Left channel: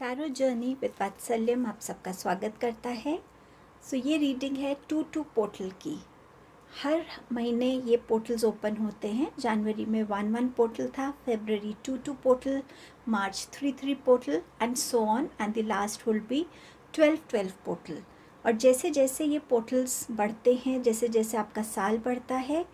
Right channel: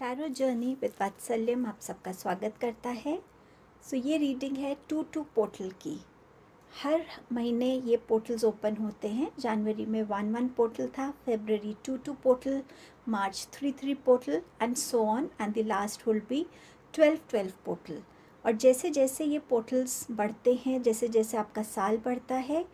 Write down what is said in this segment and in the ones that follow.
Tarot journey with वात्सल्यम आप सबका स्वागत करता है। ये रीडिंग है 2-2 पोर्टल की। हर महीने ये पोर्टल्स ओपन होते हैं। जनवरी में 1-1 पोर्टल था, फरवरी 2-2 portal, March 3-3 portal and so on, and the last will be 12-12 portal. और जैसे जैसे ये पोर्टल्स बढ़ते हैं, जैसे जैसे आपका साल बढ़ता है,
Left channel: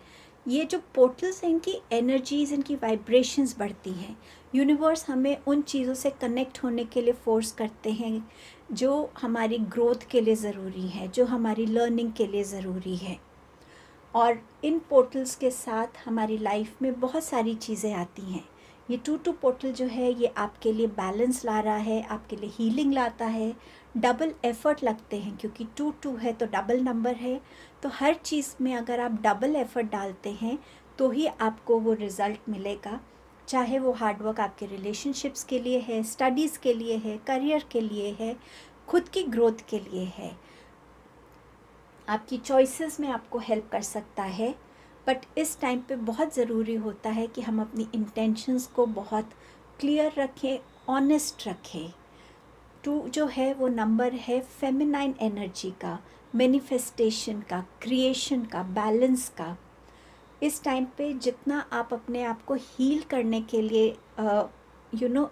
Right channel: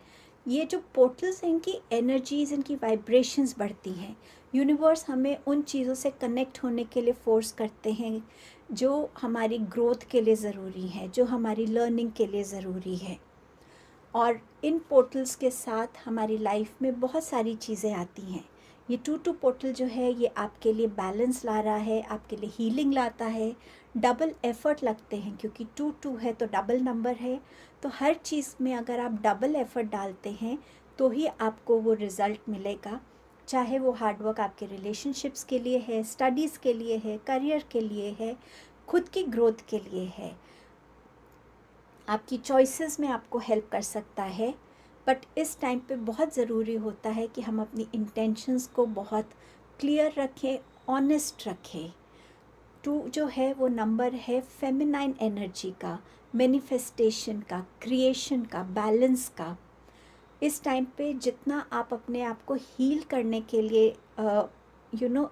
ये जो पोर्टल्स हैं इनकी एनर्जीज, इनकी वाइब्रेशंस बढ़ती हैं। यूनिवर्स हमें उन चीज़ों से कनेक्ट होने के लिए फोर्स करते हैं जो हमारी ग्रोथ के लिए ज़रूरी है, जो हमारी लर्निंग के लिए ज़रूरी है। और इन पोर्टल्स के साथ हमारी लाइफ में बहुत सारी चीज़ें आती हैं। ये 2-2 पोर्टल जो है ये आपके लिए बैलेंस ला रहा है, आपके लिए हीलिंग लाता है। डबल एफ़र्ट लगते हैं क्योंकि 2-2 है तो डबल नंबर है, तो हर चीज़ में अगर आप डबल एफ़र्ट डालते हैं तो ही आपको वो रिज़ल्ट मिलेगा। चाहे वो हार्डवर्क आपके रिलेशनशिप्स के लिए है, स्टडीज़ के लिए है, करियर के लिए है, खुद की ग्रोथ के लिए है, आपकी चॉइसेस में आपको हेल्प कर सकता है। बट इस टाइम पे बहुत ज़रूरी होता है कि हम अपनी इंटेंशंस को बहुत क्लियर रखें, ऑनेस्ट रखें। 2 जो है वो नंबर है फेमिनाइन एनर्जी का, मैनिफेस्टेशन का, क्रिएशन का, बैलेंस का। इस टाइम पे जितना आप अपने आप को हील करने के लिए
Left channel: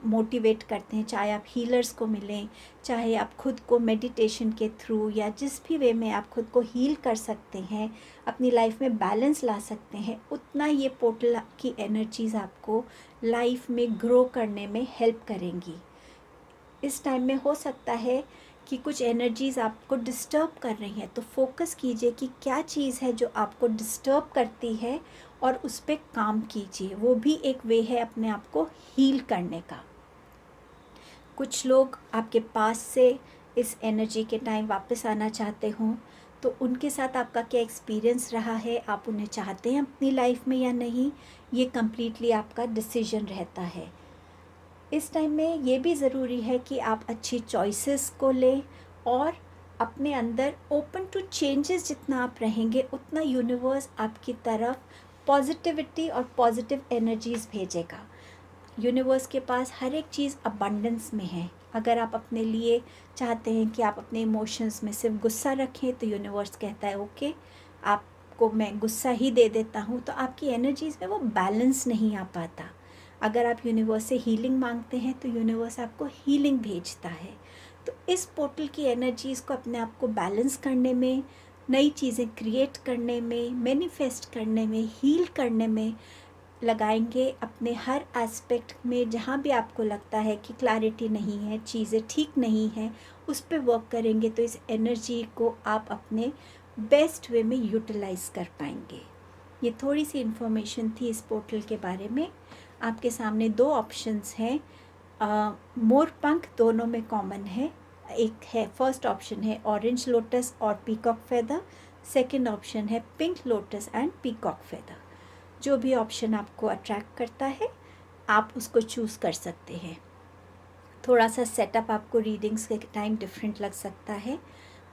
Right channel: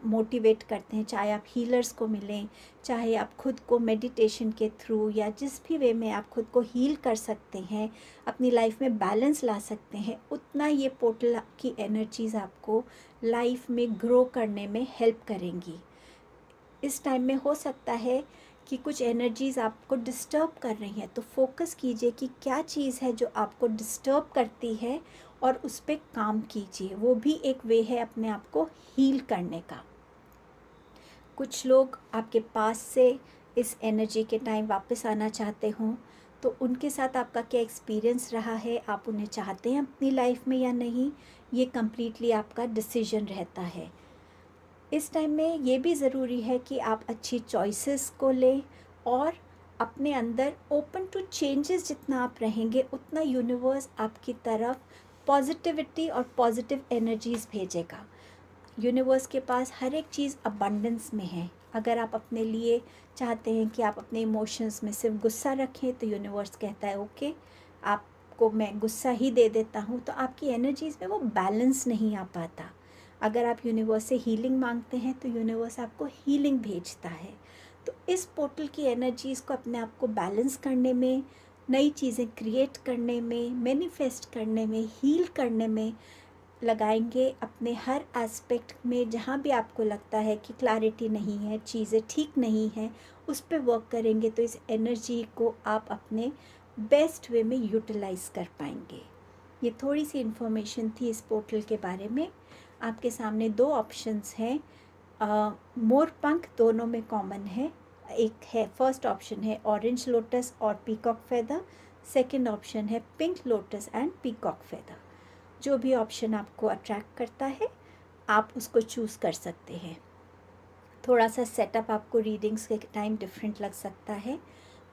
मोटिवेट करते हैं, चाहे आप हीलर्स को मिलें, चाहे आप खुद को मेडिटेशन के थ्रू या जिस भी वे में आप खुद को हील कर सकते हैं, अपनी लाइफ में बैलेंस ला सकते हैं, उतना ये पोर्टल की एनर्जीज़ आपको लाइफ में ग्रो करने में हेल्प करेंगी। इस टाइम में हो सकता है कि कुछ एनर्जीज़ आपको डिस्टर्ब कर रही हैं, तो फोकस कीजिए कि क्या चीज़ है जो आपको डिस्टर्ब करती है और उस पर काम कीजिए। वो भी एक वे है अपने आप को हील करने का। कुछ लोग आपके पास से इस एनर्जी के टाइम वापस आना चाहते हों, तो उनके साथ आपका क्या एक्सपीरियंस रहा है, आप उन्हें चाहते हैं अपनी लाइफ में या नहीं, ये कम्प्लीटली आपका डिसीजन रहता है। इस टाइम में ये भी ज़रूरी है कि आप अच्छी चॉइसेस को लें और अपने अंदर ओपन टू चेंजेस जितना आप रहेंगे उतना यूनिवर्स आपकी तरफ पॉजिटिविटी और पॉजिटिव एनर्जीज़ भेजेगा। यूनिवर्स के पास हर एक चीज़ अबंडेंस में है। अगर आप अपने लिए चाहते हैं कि आप अपने इमोशंस में सिर्फ गुस्सा रखें, तो यूनिवर्स कहता है ओके, आपको मैं गुस्सा ही दे देता हूँ, तो आपकी एनर्जीज़ में वो बैलेंस नहीं आ पाता। अगर आप यूनिवर्स से हीलिंग मांगते हैं तो यूनिवर्स आपको हीलिंग भेजता है। तो इस पोर्टल की एनर्जीज़ को अपने आप को बैलेंस करने में, नई चीज़ें क्रिएट करने में, मैनिफेस्ट करने में, हील करने में लगाएंगे। अपने हर एस्पेक्ट में जहाँ भी आपको लगता है कि क्लैरिटी नहीं है, चीज़ें ठीक नहीं हैं, उस पर वर्क करेंगे तो इस एनर्जी को आप अपने बेस्ट वे में यूटिलाइज़ कर पाएंगे। ये थोड़ी सी इन्फॉर्मेशन थी इस पोर्टल के बारे में। आपके सामने 2 ऑप्शंस हैं। मोर पंख दोनों में कॉमन है। एक है, फर्स्ट ऑप्शन है ऑरेंज लोटस और पीकॉक फेदर, सेकंड ऑप्शन है pink lotus and peacock feather. जो भी ऑप्शन आपको अट्रैक्ट करता है आप उसको चूज़ कर सकते हैं। थोड़ा सा सेटअप आपको रीडिंग्स के टाइम डिफरेंट लग सकता है,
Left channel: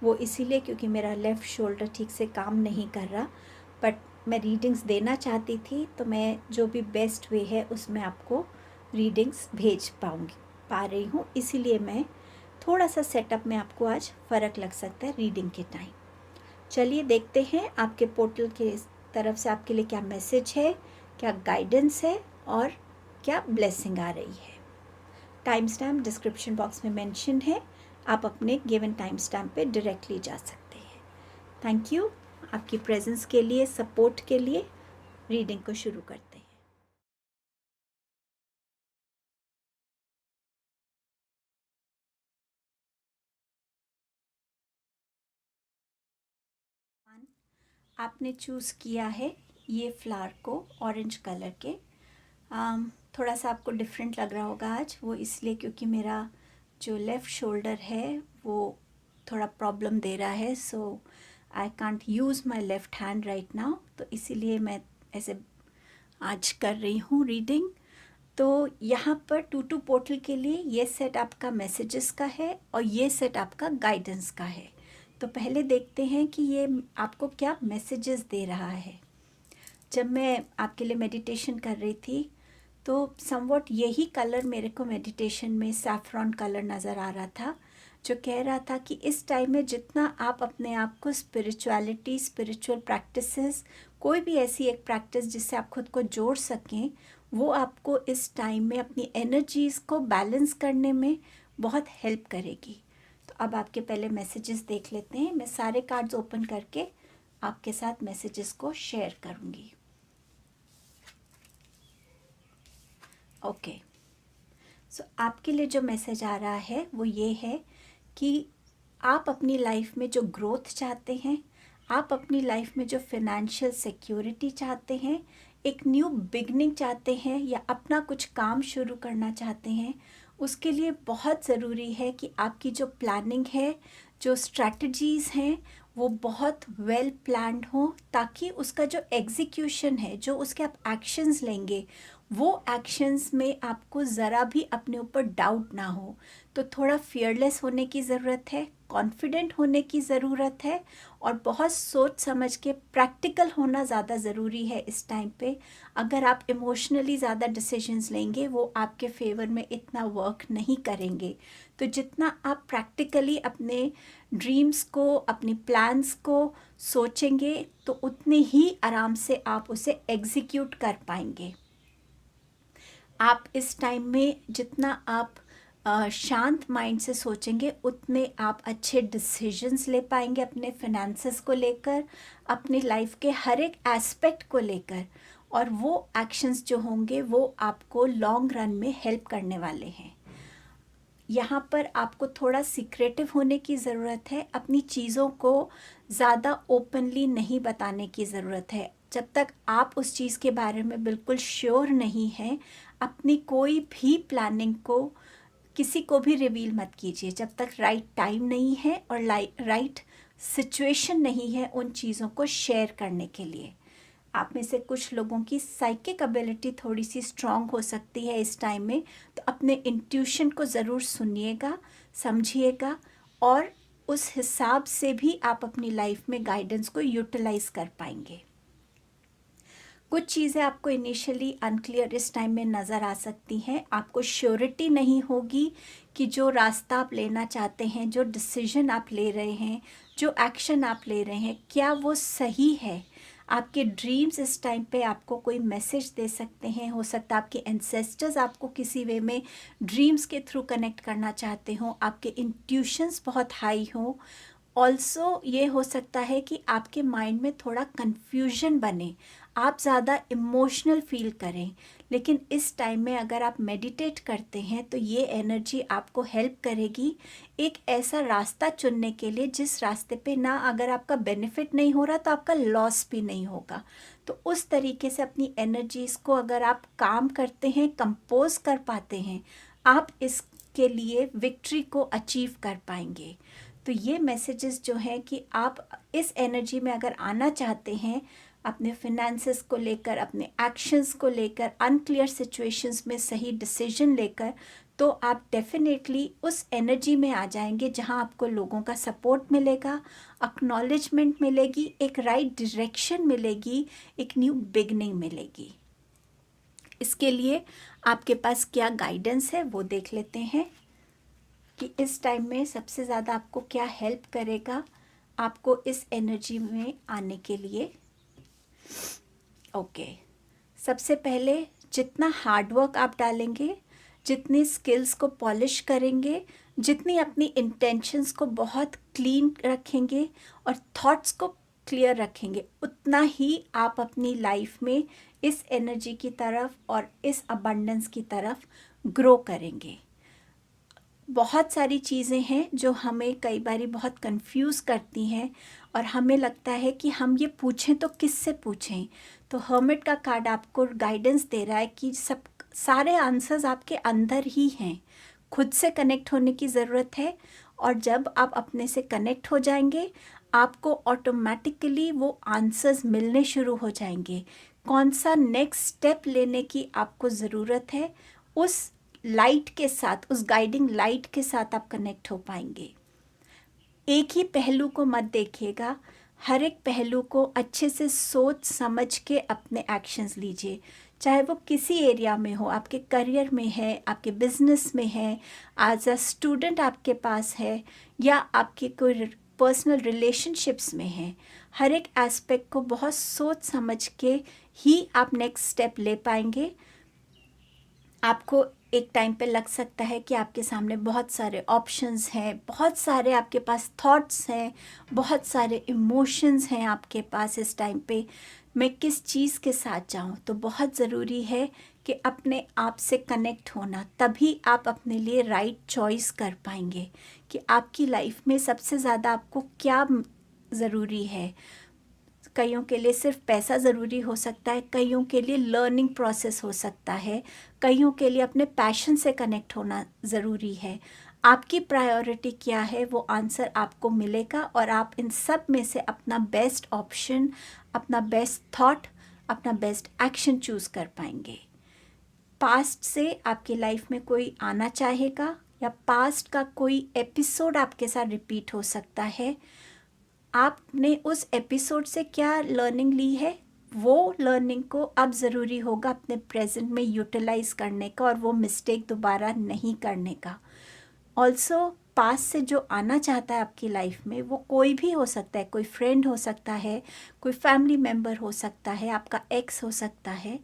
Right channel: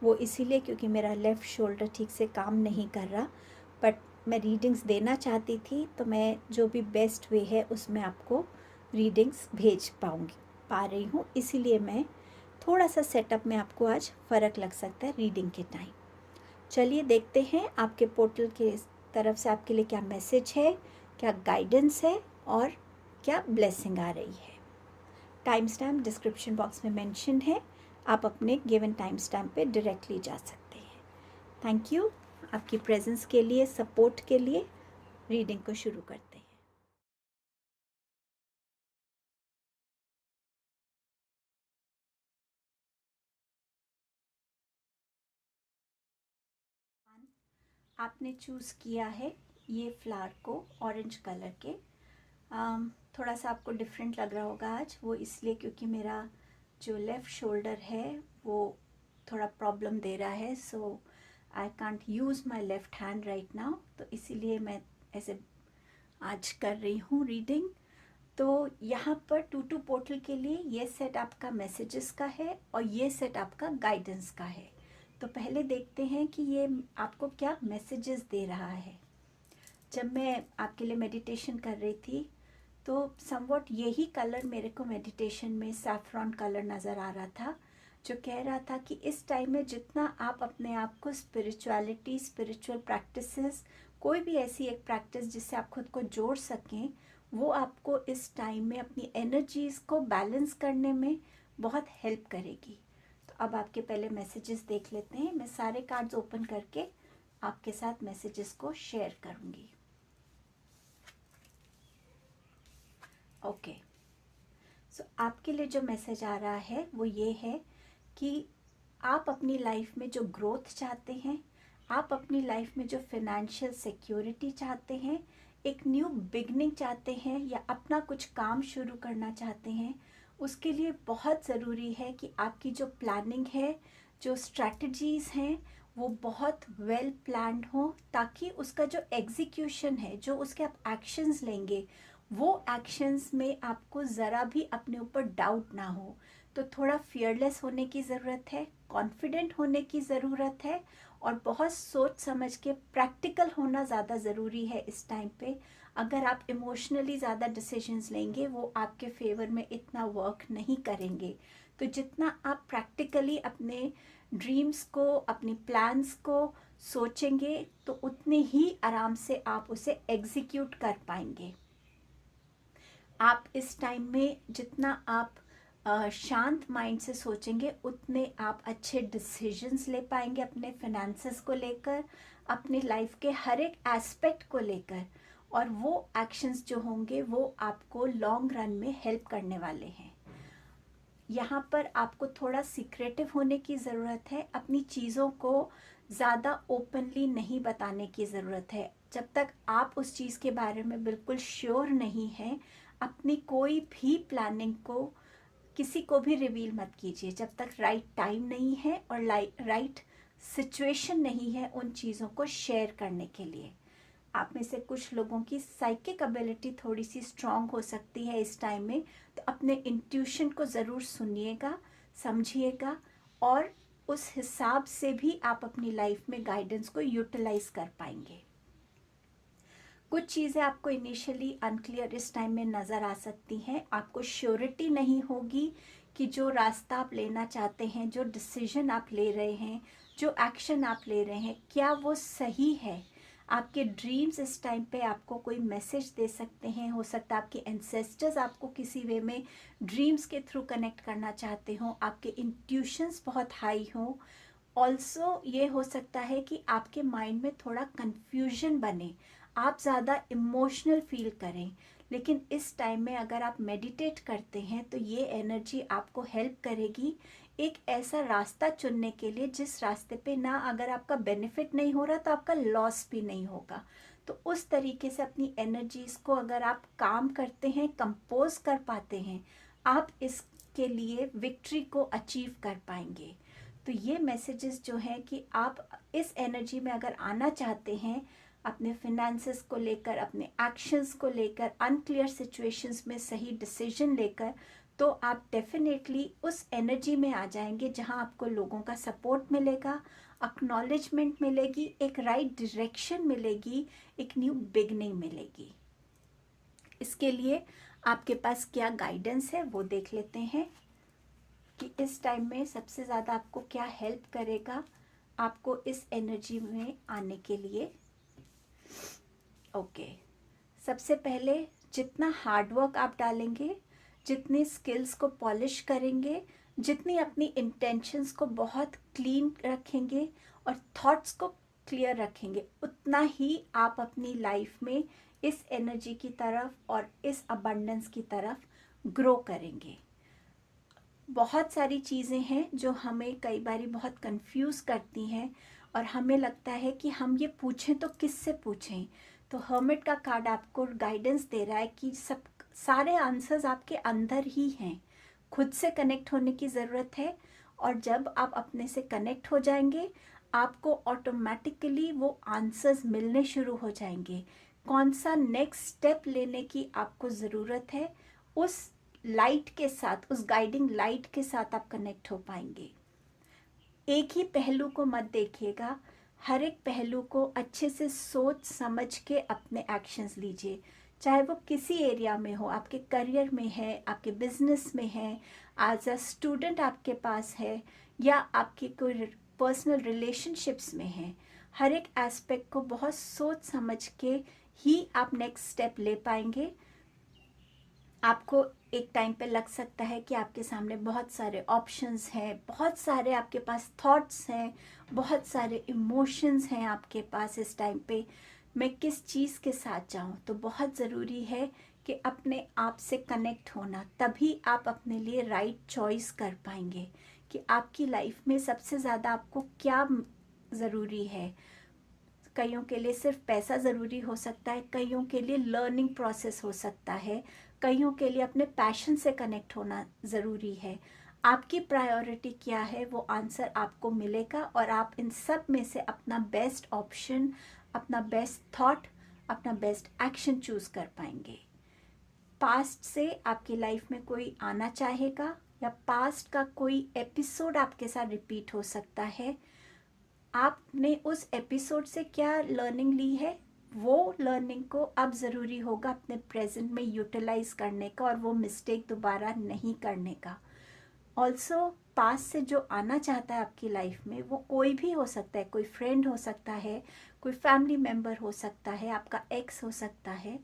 वो इसीलिए क्योंकि मेरा लेफ़्ट शोल्डर ठीक से काम नहीं कर रहा, बट मैं रीडिंग्स देना चाहती थी तो मैं जो भी बेस्ट वे है उसमें आपको रीडिंग्स भेज पा रही हूँ, इसीलिए मैं थोड़ा सा सेटअप में आपको आज फ़र्क लग सकता है रीडिंग के टाइम। चलिए देखते हैं आपके पोर्टल के तरफ से आपके लिए क्या मैसेज है, क्या गाइडेंस है और क्या ब्लेसिंग आ रही है। टाइम स्टैम्प डिस्क्रिप्शन बॉक्स में मेंशन है, आप अपने गिवन टाइम स्टैम्प पे डायरेक्टली जा सकते हैं। थैंक यू आपकी प्रेजेंस के लिए, सपोर्ट के लिए। रीडिंग को शुरू करते हैं। आपने चूज़ किया है ये फ्लावर को ऑरेंज कलर के। थोड़ा सा आपको डिफरेंट लग रहा होगा आज, वो इसलिए क्योंकि मेरा जो लेफ़्ट शोल्डर है वो थोड़ा प्रॉब्लम दे रहा है, so I can't use my left hand right now, तो इसीलिए मैं ऐसे आज कर रही हूँ रीडिंग। तो यहाँ पर 2-2 पोर्टल के लिए ये सेट आपका मैसेजेस का है और ये सेट आपका गाइडेंस का है। तो पहले देखते हैं कि ये आपको क्या मैसेजेस दे रहा है। जब मैं आपके लिए मेडिटेशन कर रही थी तो समवॉट यही कलर मेरे को मेडिटेशन में सैफ्रॉन कलर नज़र आ रहा था, जो कह रहा था कि इस टाइम में जितना आप अपने आप को स्पिरिचुअलिटी, स्पिरिचुअल प्रैक्टिसेस, कोई भी ऐसी एक प्रैक्टिस जिससे आप खुद को जोड़ सकें, वो आपको इस टाइम में अपनी एनर्जीज़ को बैलेंस करने में बहुत हेल्प करेगी। तो अब आपके पहले मैसेजेस देख लेते हैं। मैं सारे कार्ड्स ओपन करके आपके साथ मैसेजेस को शेयर करूँगी। ओके, सो आपके लिए जो मैसेज आ रहा है वो ये है कि आप अपनी लाइफ में जो ग्रोथ चाहते हैं, आप अपनी लाइफ में जो फिनेंशियल सिक्योरिटी चाहते हैं, एक न्यू बिगनिंग चाहते हैं या अपना कुछ काम शुरू करना चाहते हैं, उसके लिए बहुत ज़रूरी है कि आपकी जो प्लानिंग है, जो स्ट्रैटेजीज़ हैं, वो बहुत वेल प्लान्ड हो, ताकि उसका जो एग्जीक्यूशन है, जो उसके आप एक्शंस लेंगे, वो एक्शंस में आपको ज़रा भी अपने ऊपर डाउट ना हो। तो थोड़ा फियरलेस होने की ज़रूरत है, कॉन्फिडेंट होने की ज़रूरत है, और बहुत सोच समझ के प्रैक्टिकल होना ज़्यादा ज़रूरी है इस टाइम पे। अगर आप इमोशनली ज़्यादा डिसीजंस लेंगे, वो आपके फेवर में इतना वर्क नहीं करेंगे। तो जितना आप प्रैक्टिकली अपने ड्रीम्स को, अपनी प्लान्स को सोचेंगे, तो उतने ही आराम से आप उसे एग्जीक्यूट कर पाएंगे। आप इस टाइम में जितना आप शांत माइंड से सोचेंगे, उतने आप अच्छे डिसीजंस ले पाएंगे अपने फिनेंसेस को लेकर, अपनी लाइफ के हर एक एस्पेक्ट को लेकर, और वो एक्शंस जो होंगे वो आपको लॉन्ग रन में हेल्प करने वाले हैं। यहाँ पर आपको थोड़ा सीक्रेटिव होने की ज़रूरत है, अपनी चीज़ों को ज़्यादा ओपनली नहीं बताने की ज़रूरत है। जब तक आप उस चीज़ के बारे में बिल्कुल श्योर नहीं हैं, अपनी कोई भी प्लानिंग को किसी को भी रिवील मत कीजिए, जब तक राइट टाइम नहीं है और राइट सिचुएशन नहीं है उन चीज़ों को शेयर करने के लिए। आप में से कुछ लोगों की साइकिक एबिलिटी थोड़ी सी स्ट्रांग हो सकती है इस टाइम में, तो अपने इंट्यूशन को ज़रूर सुनिएगा, समझिएगा, और उस हिसाब से भी आप अपनी लाइफ में गाइडेंस को यूटिलाइज कर पाएंगे। कुछ चीज़ें आपको इनिशियली अनक्लियर इस टाइम में नज़र आ सकती हैं। आपको श्योरिटी नहीं होगी कि जो रास्ता आप लेना चाहते हैं, जो डिसीजन आप ले रहे हैं, जो एक्शन आप ले रहे हैं, क्या वो सही है। आपके ड्रीम्स इस टाइम पे आपको कोई मैसेज दे सकते हैं। हो सकता है आपके एंसेस्टर्स आपको किसी वे में ड्रीम्स के थ्रू कनेक्ट करना चाहते हों, आपके इंट्यूशंस बहुत हाई हों। ऑल्सो ये हो सकता है कि आपके माइंड में थोड़ा कन्फ्यूजन बने, आप ज़्यादा इमोशनल फील करें। लेकिन इस टाइम में अगर आप मेडिटेट करते हैं तो ये एनर्जी आपको हेल्प करेगी एक ऐसा रास्ता चुनने के लिए जिस रास्ते पे ना अगर आपका बेनिफिट नहीं हो रहा तो आपका लॉस भी नहीं होगा। तो उस तरीके से अपनी एनर्जीज़ को अगर आप काम करते हैं, कंपोज कर पाते हैं, आप इसके लिए विक्ट्री को अचीव कर पाएंगे। तो ये मैसेजेस जो हैं कि आप इस एनर्जी में अगर आना चाहते हैं, अपने फिनेंसेस को लेकर, अपने एक्शंस को लेकर, अनक्लियर सिचुएशंस में सही डिसीजन लेकर, तो आप डेफिनेटली उस एनर्जी में आ जाएंगे जहां आपको लोगों का सपोर्ट मिलेगा, एक्नॉलेजमेंट मिलेगी, एक राइट डायरेक्शन मिलेगी, एक न्यू बिगनिंग मिलेगी। इसके लिए आपके पास क्या गाइडेंस है वो देख लेते हैं कि इस टाइम में सबसे ज़्यादा आपको क्या हेल्प करेगा आपको इस एनर्जी में आने के लिए। ओके, सबसे पहले जितना हार्डवर्क आप डालेंगे, जितनी स्किल्स को पॉलिश करेंगे, जितनी अपनी इंटेंशंस को बहुत क्लीन रखेंगे और थॉट्स को क्लियर रखेंगे, उतना ही आप अपनी लाइफ में इस एनर्जी की तरफ और इस अबंडेंस की तरफ ग्रो करेंगे। बहुत सारी चीज़ें हैं जो हमें कई बारी बहुत कंफ्यूज करती हैं और हमें लगता है कि हम ये पूछें तो किससे पूछें। तो हर्मिट का कार्ड आपको गाइडेंस दे रहा है कि सब सारे आंसर्स आपके अंदर ही हैं। खुद से कनेक्ट होने की ज़रूरत है, और जब आप अपने से कनेक्ट हो जाएंगे आपको ऑटोमेटिकली वो आंसर्स मिलने शुरू हो जाएंगे। कौन सा नेक्स्ट स्टेप लेने की आपको ज़रूरत है, उस लाइट के साथ, उस गाइडिंग लाइट के साथ आप कनेक्ट हो पाएंगे। एक ही पहलू को मत देखिएगा, हर एक पहलू को अच्छे से सोच समझ के अपने एक्शंस लीजिए। चाहे वो किसी एरिया में हो, आपके करियर में है, आपके बिजनेस में है, एज अ स्टूडेंट आपके पास है, या आपके कोई पर्सनल रिलेशनशिप्स में है। हर एक एस्पेक्ट को बहुत सोच समझ के ही आप नेक्स्ट स्टेप ले पाएंगे। आपको एक टाइम पे लग सकता है कि आपके सामने बहुत सारे ऑप्शंस हैं, बहुत सारे आपके पास थॉट्स हैं, बहुत सारे इमोशंस हैं आपके पास इस टाइम पे, मैं किस चीज़ के साथ जाऊं। तो बहुत ज़रूरी है कि अपने आप से कनेक्ट होना, तभी आप अपने लिए राइट चॉइस कर पाएंगे कि आपकी लाइफ में सबसे ज़्यादा आपको क्या ज़रूरी है। कईयों के लिए सिर्फ पैसा ज़रूरी हो सकता है, कईयों के लिए लर्निंग प्रोसेस हो सकता है, कईयों के लिए अपने पैशन से कनेक्ट होना ज़रूरी है। आपकी प्रायोरिटी क्या है, वो आंसर आपको मिलेगा और आप इन सब में से अपना बेस्ट ऑप्शन, अपना बेस्ट थॉट, अपना बेस्ट एक्शन चूज़ कर पाएंगे। पास्ट से आपकी लाइफ में कोई आना चाहेगा या पास्ट का कोई एपिसोड आपके साथ रिपीट हो सकता है। आपने उस एपिसोड से क्या लर्निंग ली है, वो लर्निंग को अब ज़रूरी होगा अपने प्रेजेंट में यूटिलाइज करने का और वो मिस्टेक दोबारा नहीं करने का। ऑल्सो पास से जो आना चाहता है आपकी लाइफ में, वो कोई भी हो सकता है, कोई फ्रेंड हो सकता है, कोई फैमिली मेम्बर हो सकता है, आपका एक्स हो सकता है।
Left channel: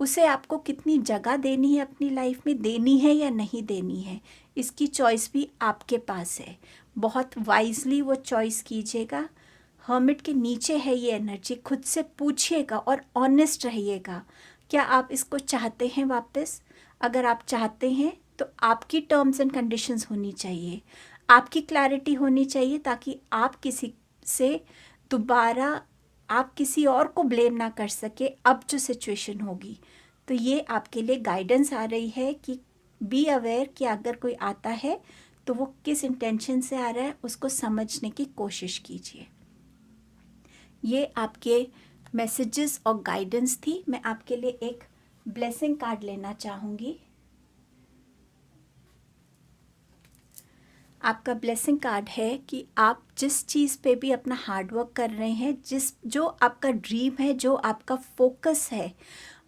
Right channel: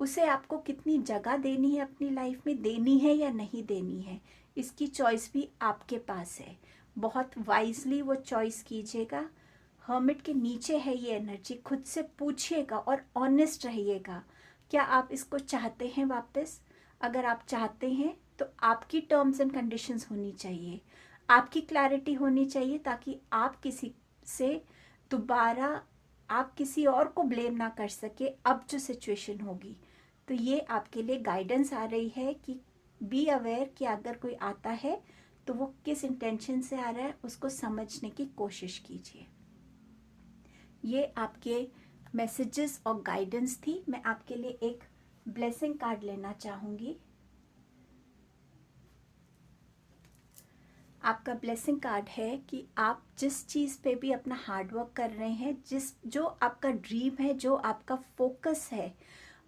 उसे आपको कितनी जगह देनी है अपनी लाइफ में, देनी है या नहीं देनी है, इसकी चॉइस भी आपके पास है। बहुत वाइजली वो चॉइस कीजिएगा। हर्मिट के नीचे है ये एनर्जी, खुद से पूछिएगा और ऑनेस्ट रहिएगा, क्या आप इसको चाहते हैं वापस। अगर आप चाहते हैं तो आपकी टर्म्स एंड कंडीशंस होनी चाहिए, आपकी क्लैरिटी होनी चाहिए, ताकि आप किसी से दोबारा, आप किसी और को ब्लेम ना कर सके अब जो सिचुएशन होगी। तो ये आपके लिए गाइडेंस आ रही है कि बी अवेयर कि अगर कोई आता है तो वो किस इंटेंशन से आ रहा है, उसको समझने की कोशिश कीजिए। ये आपके मैसेजेस और गाइडेंस थी। मैं आपके लिए एक ब्लेसिंग कार्ड लेना चाहूँगी। आपका ब्लेसिंग कार्ड है कि आप जिस चीज़ पे भी अपना हार्डवर्क कर रहे हैं, जो आपका ड्रीम है, जो आपका फोकस है,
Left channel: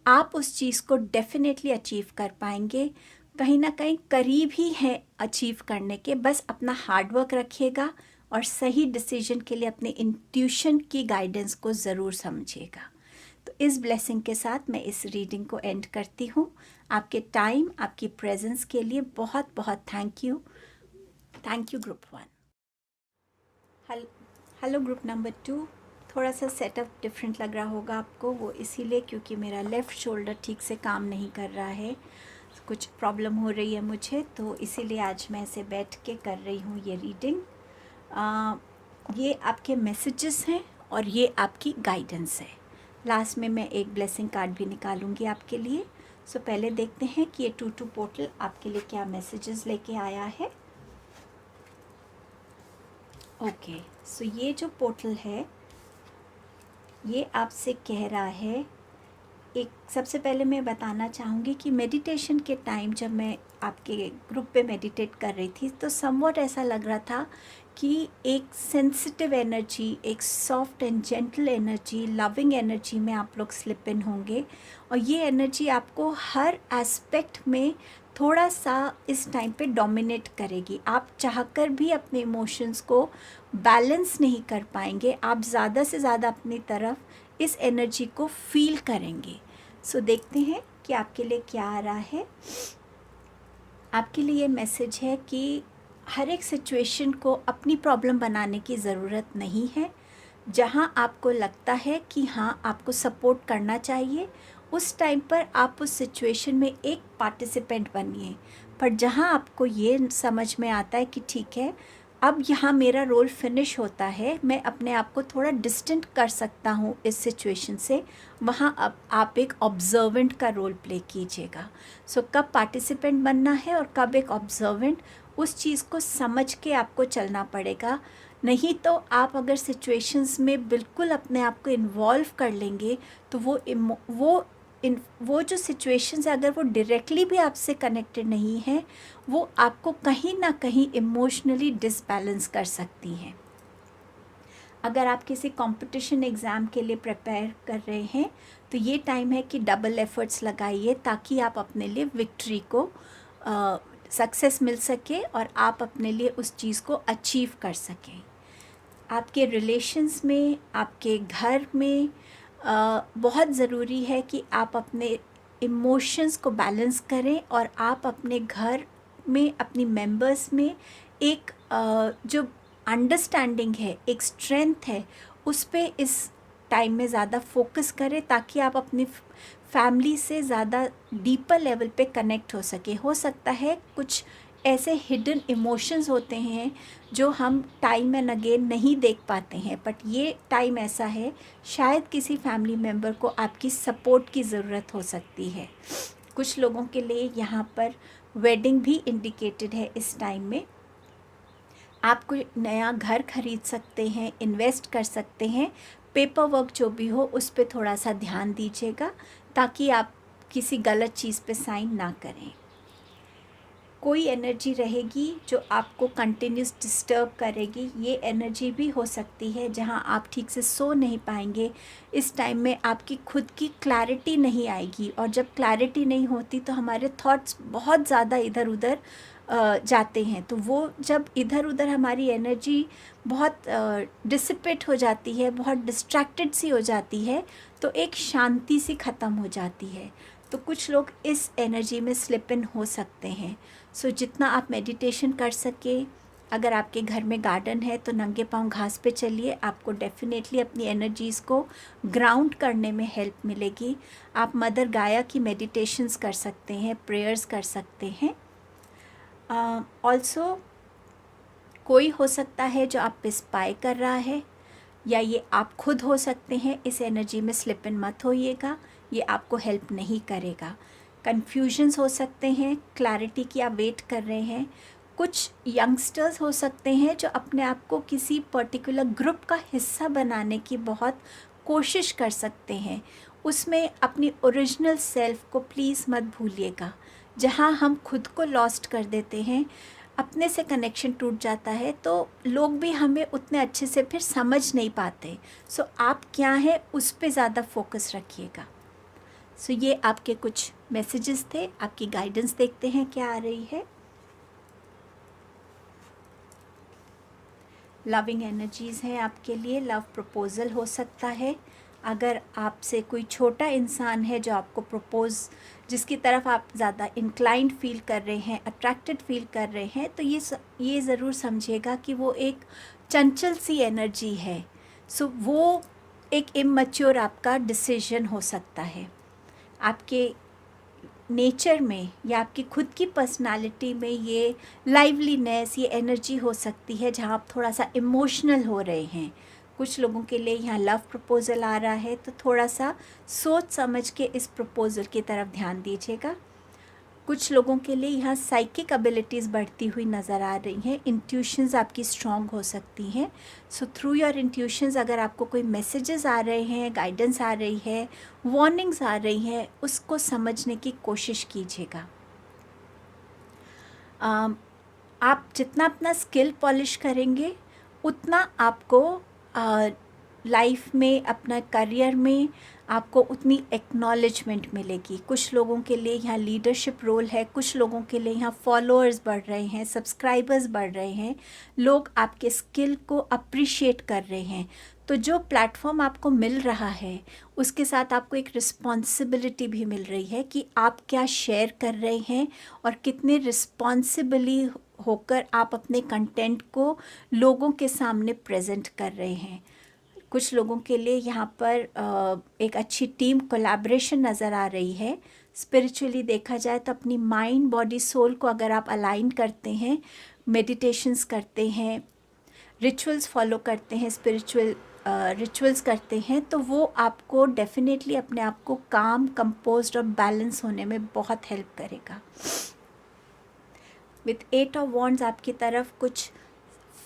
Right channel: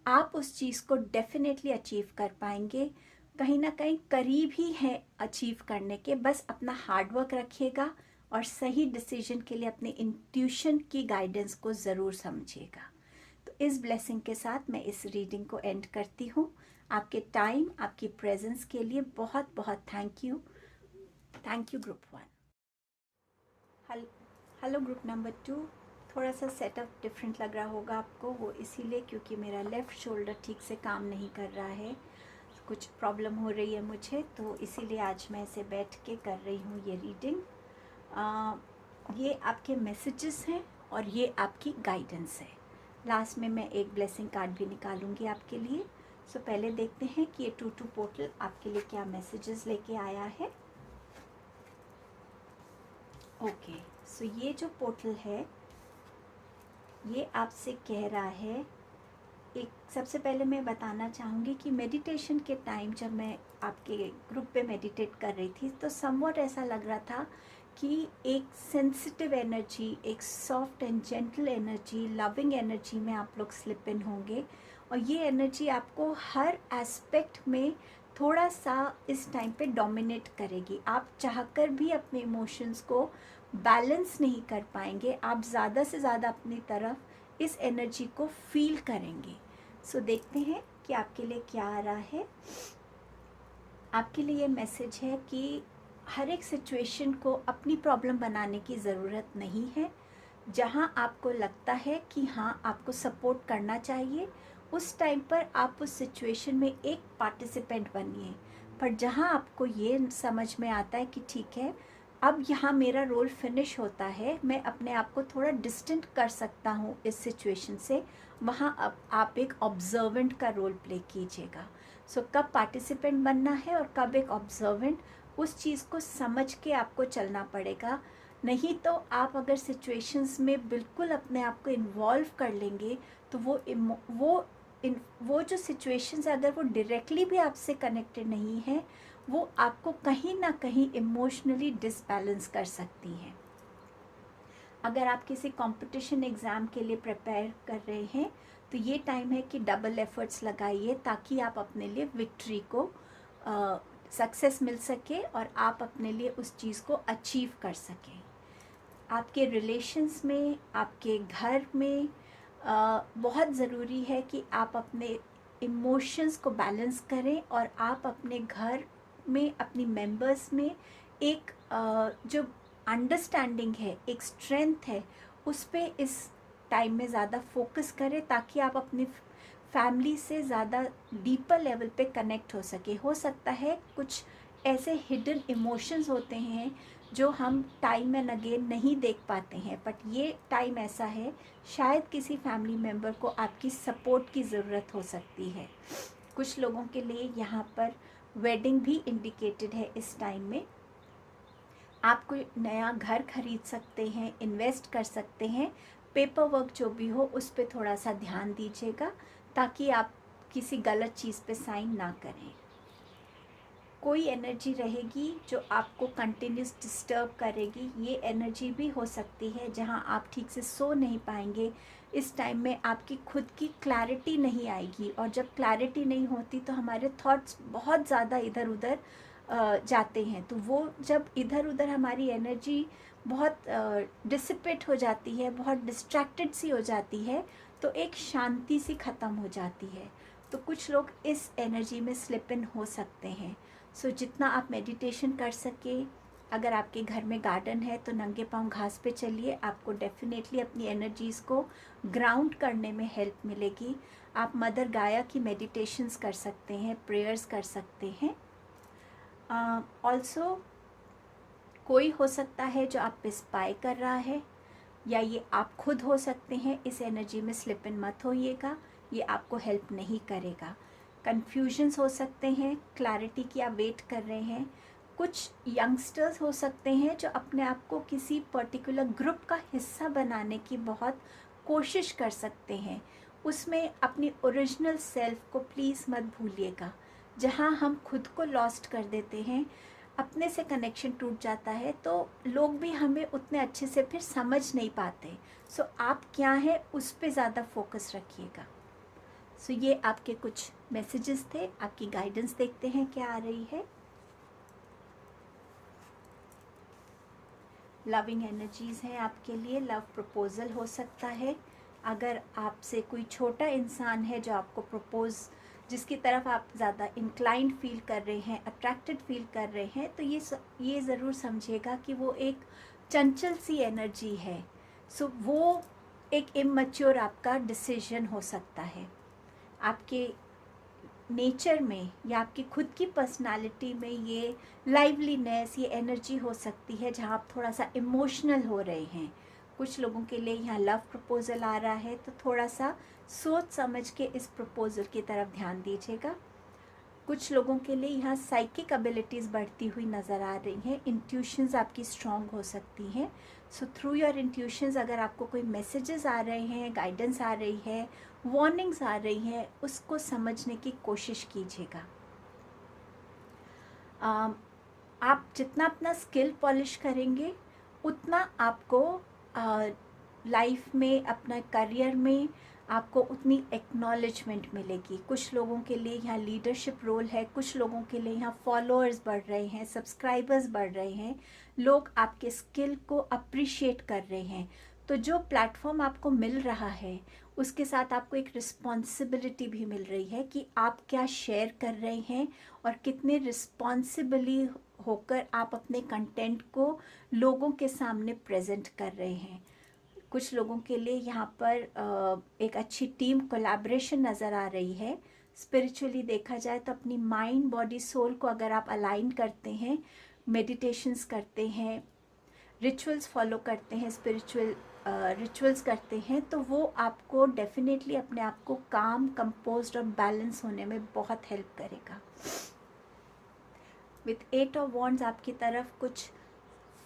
आप उस चीज़ को डेफिनेटली अचीव कर पाएंगे। कहीं ना कहीं करीब ही है अचीव करने के, बस अपना हार्डवर्क रखिएगा और सही डिसीजन के लिए अपने इंट्यूशन की गाइडेंस को ज़रूर समझिएगा। तो इस ब्लेसिंग के साथ मैं इस रीडिंग को एंड करती हूँ। आपके टाइम, आपकी प्रेजेंस के लिए बहुत बहुत thank you. Thank you group 1। Hello group number 2। थोड़ा सा सेटअप डिफरेंट लग रहा होगा आपको, वो इसीलिए क्योंकि मेरा लेफ़्ट शोल्डर ठीक से काम नहीं कर रहा है, कुछ प्रॉब्लम हो रही है मुझे, तो इसीलिए आज मैं इसे बैठ के कर रही हूँ ये रीडिंग। ये आपके मैसेजेस हैं और ये आपकी गाइडेंस है। लास्ट में मैं एक ब्लेसिंग कार्ड भी निकालूंगी आपके लिए। सो पहले देखते हैं कि ये 2-2 पोर्टल आपके लिए क्या मैसेजेस लेके आया है। ओके, सो ये जो पोर्टल है ये आपसे कह रहा है, एक सबसे पहले मैं बताना चाहूँगी कि मेडिटेशन के टाइम जब मैं आपके ग्रुप पे मेडिटेट कर रही थी तो समवॉट ऐसा लग रहा था कि एक सेंसिटिव एनर्जी, एक soft and gentle energy, loving energy में आप लोग स्लिप इन होंगे और ये एनर्जी आपको हर एस्पेक्ट में थोड़ा सा इस टाइम पे डोमिनेट करेगी। आप चाहकर भी अपने इमोशंस को बैलेंस नहीं कर पाएंगे, आप ज़्यादा से ज़्यादा अपनी तरफ इस एनर्जी को फील करेंगे। सो देखते हैं कि आपके लिए क्या आ रहा है। आपके लिए मैसेज है कि हर एक सिचुएशन को अपनी प्रॉब्लम बनाने की ज़रूरत नहीं है। जहाँ आपको लगता है कि हाँ आपको सपोर्ट करना चाहिए, उस टाइम पर आप उस सिचुएशन में एक पार्टिसिपेंट बनिए। पर जहाँ आपको ये समझ में आता है कि ठीक है अब यहाँ मेरा रोल फिनिश होता है, मैं अपने आप को थोड़ा डिस्टेंट कर सकता हूँ इस सिचुएशन से, वहाँ अब आप एक ऑब्जर्वेंट का रोल प्ले कीजिएगा। सो कब पार्टिसिपेंट बनना है और कब एक ऑब्जर्वेंट, उस चीज़ को समझ के आपको चलना पड़ेगा। नहीं तो आप अगर सिचुएशंस में बिल्कुल अपने आप को इन्वॉल्व कर लेंगे तो वो जो सिचुएशंस है अगर वो डायरेक्टली भी आपसे कनेक्टेड नहीं है, वो आपको कहीं ना कहीं इमोशनली डिसबैलेंस कर सकती हैं। अगर आप किसी कंपटीशन एग्ज़ाम के लिए प्रिपेयर कर रहे हैं तो ये टाइम है कि डबल एफर्ट्स लगाइए ताकि आप अपने लिए विक्ट्री को सक्सेस मिल सके और आप अपने लिए उस चीज़ को अचीव कर सकें। आपके रिलेशंस में, आपके घर में बहुत ज़रूरी है कि आप अपने इमोशंस को बैलेंस करें और आप अपने घर में, अपनी मेंबर्स में एक जो अंडरस्टैंडिंग है, एक स्ट्रेंथ है, उस पे इस टाइम में ज़्यादा फोकस करें ताकि आप अपनी फैमिली से ज़्यादा डीपर लेवल पे कनेक्ट हो सके। हो सकता है कुछ ऐसे हिडन इमोशंस होते हैं जो हम टाइम एंड अगेन नहीं देख पाते हैं, बट ये टाइम ऐसा है, शायद किसी फैमिली मेम्बर को आपकी सपोर्ट की ज़रूरत हो सकती है। कुछ लोगों के लिए यहाँ पर वेडिंग भी इंडिकेटेड है। इस टाइम में आप कोई नया घर खरीद सकते हैं, इन्वेस्ट कर सकते हैं। पेपर वर्क जो भी हो उस पर थोड़ा सा ध्यान दीजिएगा ताकि आप किसी गलत चीज़ पे साइन ना करें। कोई एनर्जी रहेगी जो आपको कंटिन्यूस डिस्टर्ब करेगी, ये एनर्जी भी हो सकती है जहां आप ठीक से सो नहीं पाएंगे। इस टाइम में आपकी खुद की क्लैरिटी नहीं आएगी, और जब क्लैरिटी नहीं होती तो हमारे थॉट्स बहुत ज़्यादा इधर उधर जाते हैं। तो वो जब इधर उधर हमारी एनर्जी बहुत डिसिपेट हो जाती है, बहुत डिस्ट्रैक्टेड सी हो जाती है, तो एक शांति सी ख़त्म हो जाती है। तो कुछ लोग इस एनर्जी में स्लिप इन हो सकते हैं। सो जितना आप मेडिटेशन कर सके, अगर आपके घर में गार्डन है तो नंगे पांव घास पे चलिए, आपको डेफिनेटली अपनी एनर्जीज़ को ग्राउंड करने में हेल्प मिलेगी। आप मदर गाया की मेडिटेशंस कर सकते हैं, प्रेयर्स कर सकते हैं। ऑल्सो कोई हो सकता है जो आप पे स्पाई कर रहा है, या ये आप खुद हो सकते हैं। इस एनर्जी में स्लिप इन मत होइएगा, ये आपको हेल्प नहीं करेगा। कन्फ्यूजन्स हो सकते हैं, क्लैरिटी की आप वेट कर रहे हैं। कुछ यंगस्टर्स हो सकते हैं जो अपने आप को किसी पर्टिकुलर ग्रुप का हिस्सा बनाने की बहुत कोशिश कर सकते हैं। उसमें अपनी ओरिजिनल सेल्फ को प्लीज़ मत भूलिएगा। जहाँ हम खुद को लॉस्ट कर देते हैं, अपने से कनेक्शन टूट जाता है, तो लोग भी हमें उतने अच्छे से फिर समझ नहीं पाते। सो आप क्या हैं उस पे ज़्यादा फोकस रखिएगा। सो ये आपके कुछ मैसेजेस थे, आपकी गाइडेंस देखते हैं क्या आ रही है। लविंग एनर्जीज़ हैं आपके लिए, लव प्रपोज़ल हो सकता है। अगर आपसे कोई छोटा इंसान है जो आपको प्रपोज़, जिसकी तरफ आप ज़्यादा इंक्लाइंड फील कर रहे हैं, अट्रैक्टेड फील कर रहे हैं, तो ये ज़रूर समझिएगा कि वो एक चंचल सी एनर्जी है। सो वो एक इमैच्योर आपका डिसीजन हो सकता है। आपके नेचर में या आपकी खुद की पर्सनालिटी में ये लाइवलीनेस, ये एनर्जी हो सकती है जहाँ आप थोड़ा सा इमोशनल हो रहे हैं। कुछ लोगों के लिए यहाँ लव प्रपोज़ल आ रहा है, तो थोड़ा सा सोच समझ के इस प्रपोज़ल की तरफ ध्यान दीजिएगा। कुछ लोगों के लिए यहाँ साइकिक एबिलिटीज़ बढ़ती हुई नज़र आ रही हैं, इंट्यूशंस आपकी स्ट्रॉन्ग हो सकती हैं। सो थ्रू योर इंट्यूशंस अगर आपको कोई मैसेजेस आ रहे हैं, गाइडेंस आ रही है, वार्निंग्स आ रही हैं, उसको समझने की कोशिश कीजिएगा। आप जितना अपना स्किल पॉलिश करेंगे, उतना आपको लाइफ में, अपना करियर में आपको उतनी एक्नॉलेजमेंट मिलेगी। कुछ लोगों के लिए यहाँ लीडरशिप रोल है, कुछ लोगों के लिए यहाँ फॉलोअर्स बढ़ रहे हैं, सब्सक्राइबर्स बढ़ रहे हैं, लोग आपके स्किल को अप्रिशिएट कर रहे हैं। तो जो प्लेटफॉर्म आपको मिल रहा है, उसके साथ आपको एक रिस्पॉन्सिबिलिटी भी मिल रही है कि आप क्या शेयर कर रहे हैं और कितने रिस्पॉन्सिबली होकर आप अपने कंटेंट को लोगों के सामने प्रेजेंट कर रहे हैं। कुछ लोगों के लिए यहाँ पर एक अच्छी टीम कोलैबोरेशन नज़र आ रही है। स्पिरिचुअली देखा जाए तो अपनी माइंड, बॉडी, सोल को अगर आप अलाइन करते हैं, मेडिटेशंस करते हैं, रिचुअल्स फॉलो करते हैं, स्पिरिचुअल रिचुअल्स करते हैं, तो वो आपको डेफिनेटली अपने आप को काम, कंपोज्ड और बैलेंस होने में बहुत हेल्प करेगा। विथ 8 ऑफ वॉन्ड्स आपकी तरफ कुछ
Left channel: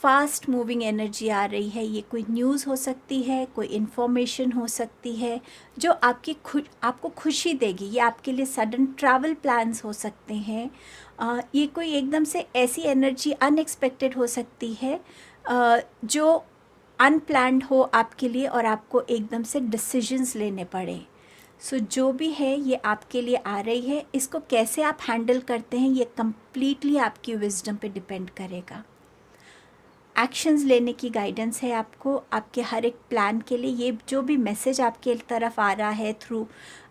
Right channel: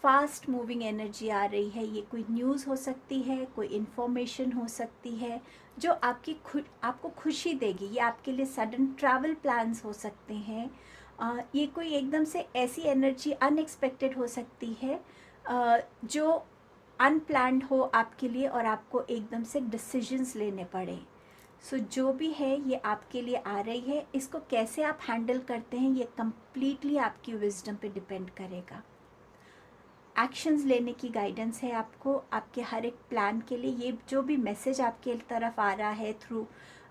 फास्ट मूविंग एनर्जी आ रही है। ये कोई न्यूज़ हो सकती है, कोई इन्फॉर्मेशन हो सकती है जो आपको खुशी देगी। ये आपके लिए सडन ट्रैवल प्लान्स हो सकते हैं। ये कोई एकदम से ऐसी एनर्जी अनएक्सपेक्टेड हो सकती है जो अनप्लान्ड हो आपके लिए और आपको एकदम से डिसीजंस लेने पड़े। सो जो भी है ये आपके लिए आ रही है, इसको कैसे आप हैंडल करते हैं ये कम्प्लीटली आपकी विजडम पे डिपेंड करेगा। एक्शंस लेने की गाइडेंस है आपको आपके हर एक प्लान के लिए। ये जो भी मैसेज आपके तरफ आ रहा है थ्रू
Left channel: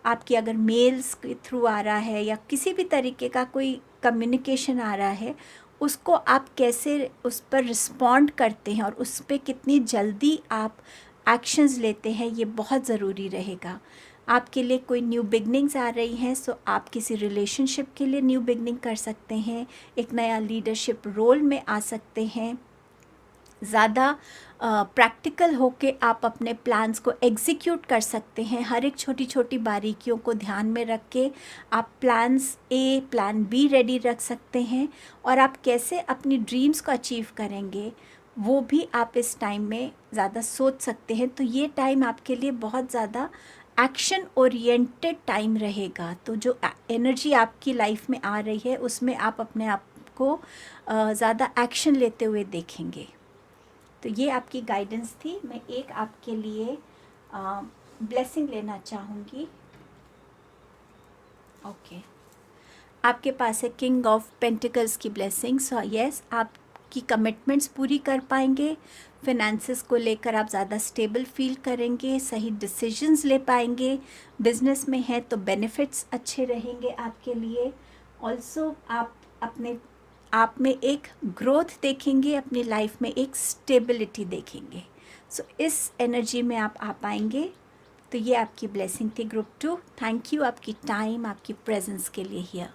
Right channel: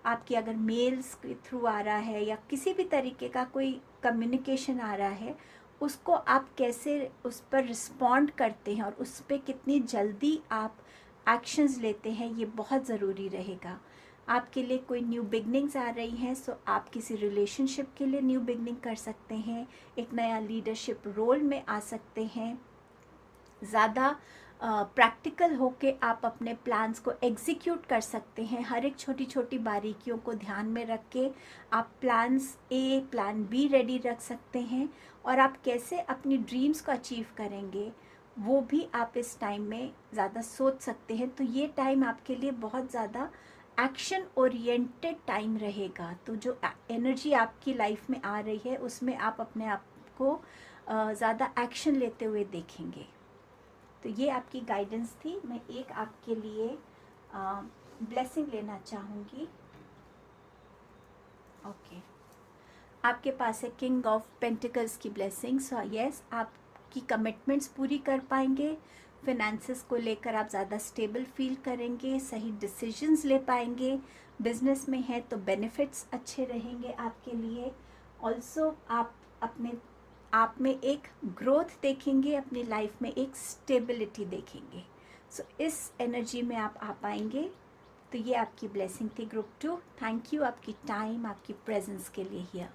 आपकी अगर मेल्स के थ्रू आ रहा है या किसी भी तरीके का कोई कम्युनिकेशन आ रहा है, उसको आप कैसे उस पर रिस्पॉन्ड करते हैं और उस पर कितनी जल्दी आप एक्शंस लेते हैं, ये बहुत ज़रूरी रहेगा। आपके लिए कोई न्यू बिगनिंग्स आ रही हैं, सो आप किसी रिलेशनशिप के लिए न्यू बिगनिंग कर सकते हैं, एक नया लीडरशिप रोल में आ सकते हैं। ज़्यादा प्रैक्टिकल होके आप अपने प्लान्स को एग्जीक्यूट कर सकते हैं। हर एक छोटी छोटी बारीकियों को ध्यान में रख के आप plans A plan be ready रख सकते हैं, और आप कैसे अपनी ड्रीम्स को अचीव करेंगे वो भी आप इस टाइम में ज़्यादा सोच सकते हैं। तो ये टाइम आपके लिए बहुत ज़्यादा एक्शन ओरिएंटेड टाइम रहेगा। तो जो एनर्जी आपकी लाइफ में आ रही है उसमें आप अपने आप को ज़्यादा एक्शन लेते हुए देखेंगे। तो ये आपकी गाइडेंस थी। मैं एक आपके लिए ब्लेसिंग लेना चाहूँगी। ओके, आपके पास है किंग ऑफ पेंटिकल्स की ब्लेसिंग। सो यस, आपकी कमिटमेंट्स पूरी कर पाएंगे, फिनेंसेस को लेकर आप ज़्यादा स्टेबल फील करेंगे, सही डिसीजंस ले पाएंगे, बिजनेस में है तो बेनिफिट्स अच्छे रहेंगे आपके लिए। ऑल्सो आप में एक ग्रोथ देखेंगे, अपनी लाइफ में एक स्टेबिलिटी देखेंगे। सो इस एनर्जी में आप आ पाएंगे। तो ये आपकी ब्लेसिंग थी ग्रुप 2। थैंक यू आपकी टाइम, आपकी प्रेजेंस के लिए हियर।